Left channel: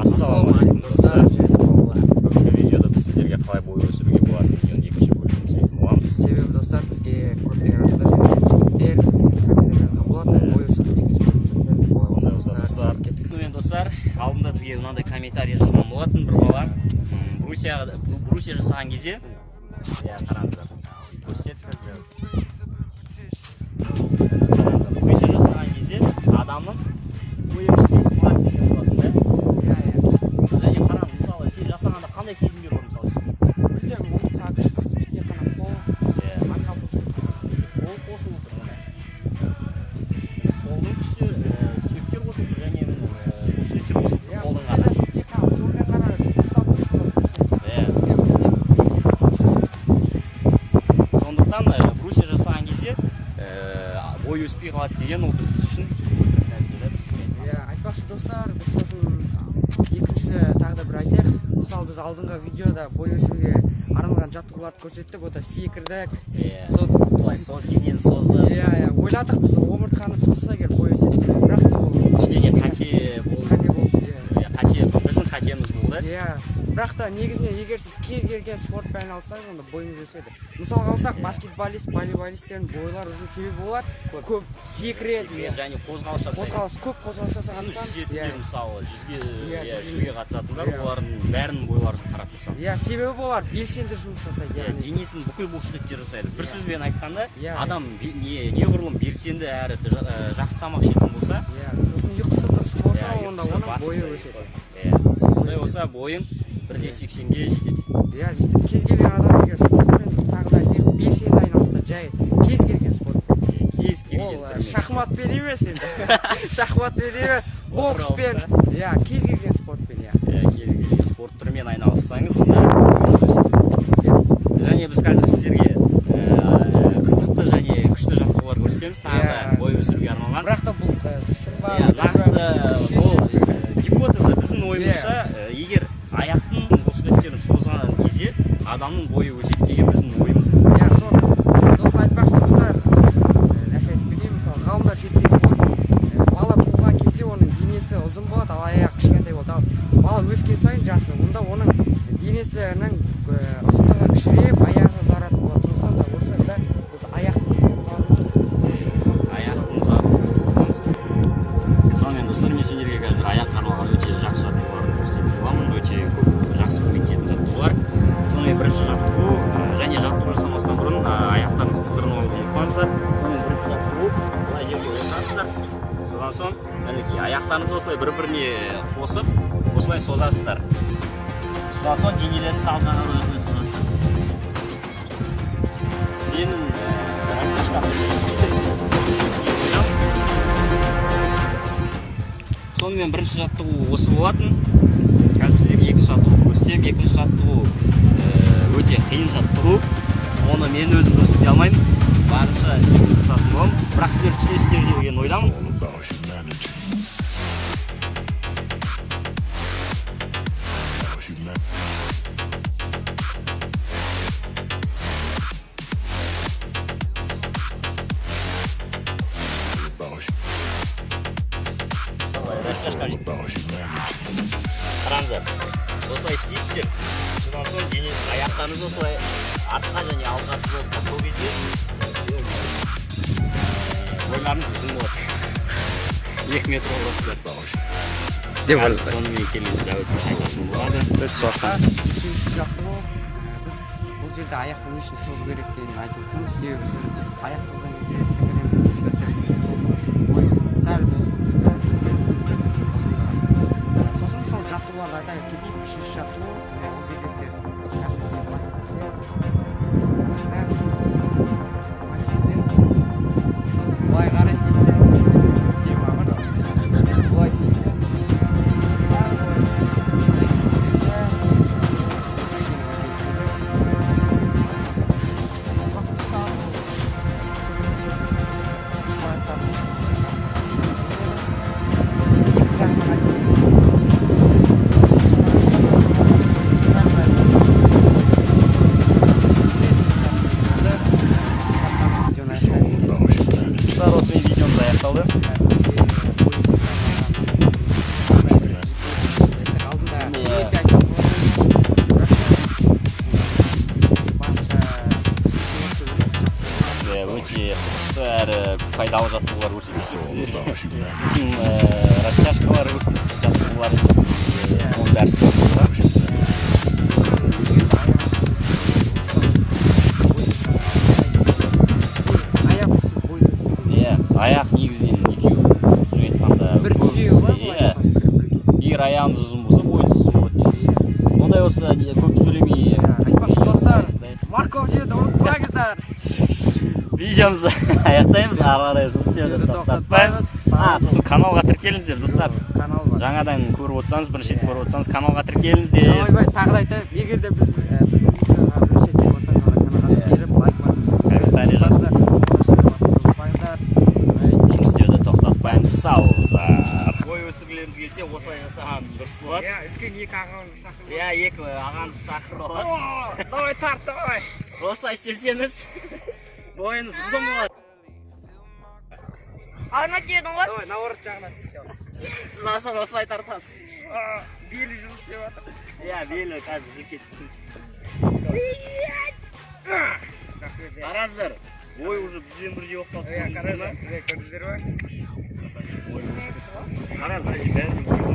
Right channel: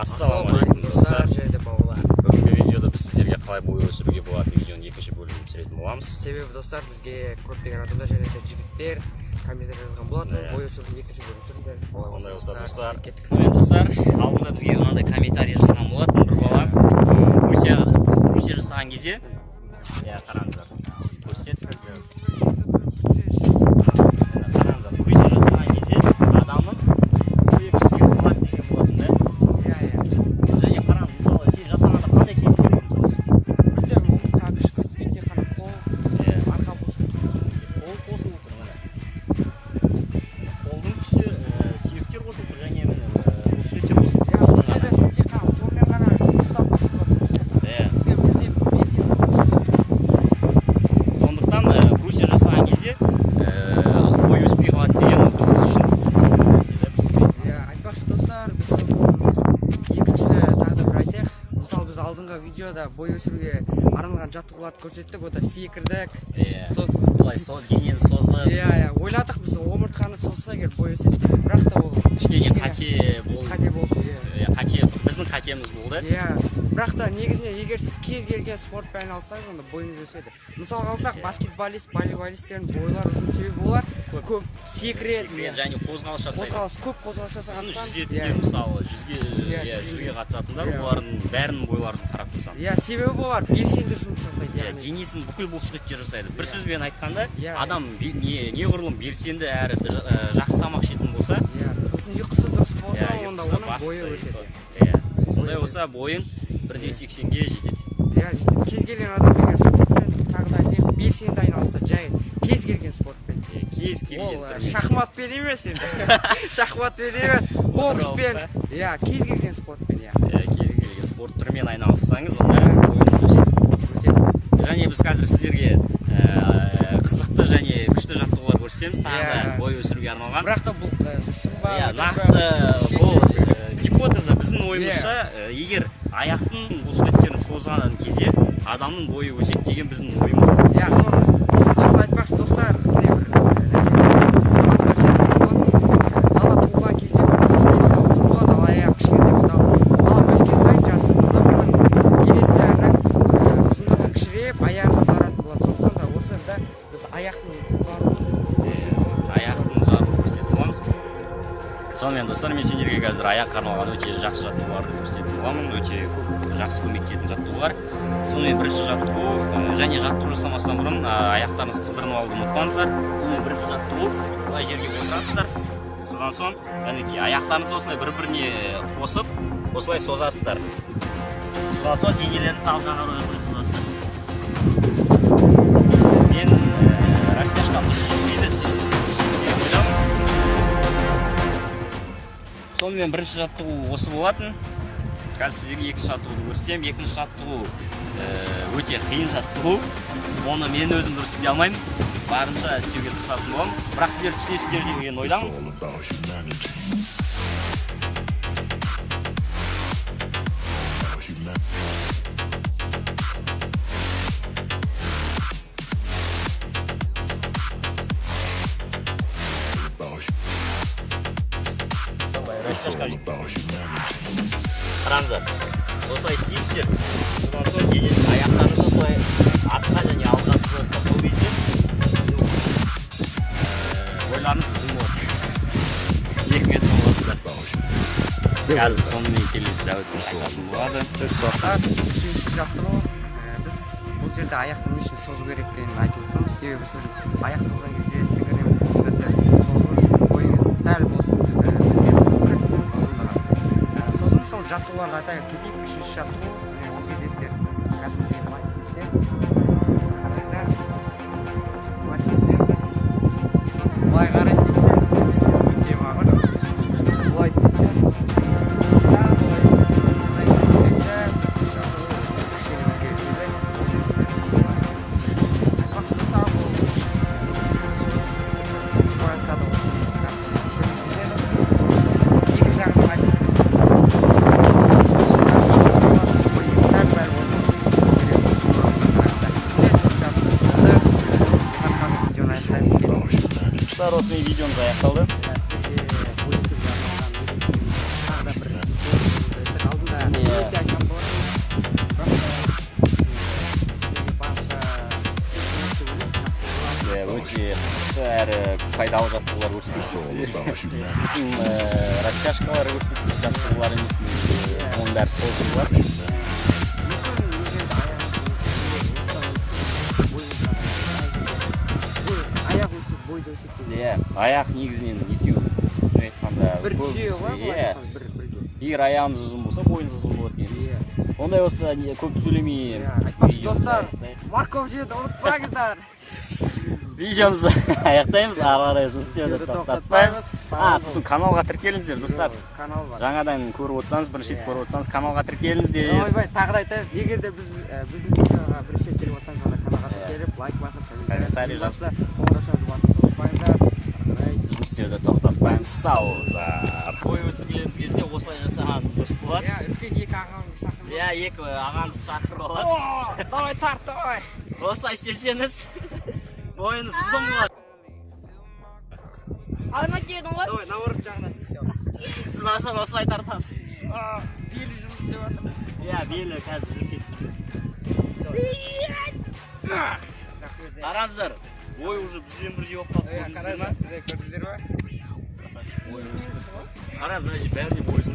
Ассалаумағалейкум достар, бүгінгі видеода біз сіздерге қалай бой өсіруге болады видеоның екінші бөлімін түсіретін боламыз. Себебі достар, бізге көптеген адамдар және жігіттер комментарий жазған болатын, бой өсірудің екінші бөлімін түсірді. Сонымен достар, алдында бізге мынандай комментарий жазған болатын бір бала. Брусья жасаған кезде, қараңыздар, көрсетеді. Адамның бойы өсіруге болады деген болатын да. Және қараңыз, мысалы, сен жасағанда қандай сезім береді мысалы? Білдім, оның күш қысымен тек қана қол, арқа болсын. Қол қосылып тұр, міне. Қолдың күші сүйектер қосылып тұр, және бұлшықтар қосылып тұр. Сіз тек қана қолмен ғана ұстап қосылып сондықтан брусья жасаған кезде бой өспей қалады деген біз үшін. Айтпақшы достар, біз сосын екінші тағы да бір айтайық. Мысалы біз алдыңғы видеода бой өсіруге арналған жаттығуларды көрсеттік, ода секірдік. Солай денені созды. Ойладық біз омыртқаны созса егер бой өседі, бірақ та ол кішкене қате болды. Біздің қатеміз болды. Бірақ та негізінен егер сіз кез келген спортпен айналыссаңыз, онда бойыңыз өседі. Мысалға алсақ, баскетболист, волейболистердің бойлары ұзын себебі олар көп секіреді. Және қозғалыс жасайды. Көп қозғалыс жасағандықтан. Мысалы, жүзуге қатысатындар, олардың бәрінің бойларын қарап мысалы. Себебі олар белсенді жұмыс жасайды. Денесін бүкіл бұлшықеттер жасайды. Бір сөзбен айтқанда, адам неғұрлым белсенді әрі жақсы тамақ жейтін болса, сосын ұйқысы дұрыс болса, онда оның бойы өседі. Ондай болса, бойың 1.80-ге жетеді. Кез келген адам егер спортпен тағы да белсенді айналысса, жай кез келген спортпен. Ол шахматпен емес енді. Шахматпен емес, бокспен, кез келген спортпен. Кез келген спорт түрімен айналыссаңыз, онда бойыңыз өседі. Және біз қазір сіздерге қызықты және күшті жаттығулар көрсетеміз, тағы да бой өсіруге арналған. Бірақ та бұл шын ба? Нақты бұл гипотеза біздің ойымызша, егер аяқтың бұлшықеттерін созған кезде адамның бойы өседі деген біздің ойымыз. Сосын айтпақшы достар, бала туылған кезде денесі ұзын болады, ал аяқ кішкентай болады. Бала өскен сайын жасы, онда оның денесінің ұзындығы кішірейіп, аяғы ұзаратын болады. Сондықтан да осы біз аяқтың ұзарын көрсетіп боламыз. Сонымен достар, мен сендерге қазір аяққа арналған өте жақсы жаттығуларды көрсетіп боламын. Өте көп жақсы көмектесетін жаттығулар. Сонымен бірінші жаттығу, және жаттығу жасамастан бұрын аяқтарыңыз қыздырынып алуды ұмытпаңыздар. Сонымен бірінші жаттығу, былай жерге отырасыздар. Содан соң, аяқтарыңызды осылай бір-біріне қосып, осылай созасыздар. Содан соң денелерді салғаннан өзіне созасыздар. Менің растяжқа сонымен бірінші жаттығу осы болатын. Қазір сіздерге екінші жаттығу көрсетемін. Екінші жаттығу өте қиын жаттығу. Оны мен өзім дұрыс істей алмаймын. Барынша істеуге тырысатын боламын. Бірақ сіздер түсінесіздер деген ойдамын. Қараңыздар, осылай істейсіздер. Содан соң аяқтарыңызды осылай артқа және алдына созасыздар. Сол кезде бойларыңыз ұзын болады. 2 метр боласыздар. Сонымен келесі дәуетті айтатын болады. Үшінші жаттығу, біз бұл жерде аяқтың нешін созу керек екенін айтып отырмыз. Себебі сіз аяқ созған кезде сіңіреміз бұлшықеттер созылып, сіздің бойыңыз сәл болсын сосын сол жаттығуларға айтайық кетейік. Үшінші жаттығу, ол кездесте кәдімгідей былай істер. Сосын былай қарай істейсіздер. Былай істейсіздер. Осымен видеомыз аяқталды. пайдалы жаттығулар көрсетеді. Сосын растяжкалар жаттығулар, оның бәрі сол болады. Аяқ негізінен өтеу. Бір түзеу бар ғой? Егер аяғыңыз ұзын болса, бойыңыз ұзын болады. Ондай болса, көп сөйлемей. Айтпақшы достар, Марков жеді, ұмытпаңыздар. Видеомызды аяқтаймыз, ары қарай жұмыс істеуді тоқтатпаймыз. Сосын каналға тіркеліңіздер, достар. Жаңадан көріп отырсаңыз, бірінші рет көріп отырсаңыз, каналға тіркеліңіздер. Ойбай, тағы да айтайын, егер де біз видеоға бірінші рет көріп отырсаңыз, каналға тіркеліп, лайк басып, тоқтатпаймыз, сау болыңыздар. Бой өсіргілеріңіз келсе, осылай жасаған дұрыс болады. Үлкен екі ағаңыз шақырып. Екі ағаңыз шақырып аласыз. Давай тарт, давай. Осылай істесеңіз, бойыңыз ұзын болады. Арна тиедің ғой? Давай, наоборот жағына сілтеу. Сіз асан осылай тартасыз. Белі жұмыс істеп жатыр. Белі қазір жүріп кеттіңіз. Қараңыздар, бой уже бізбен бірге болып қалып көрдіңіздер ма? Қараңыздар, бәріне бойсың.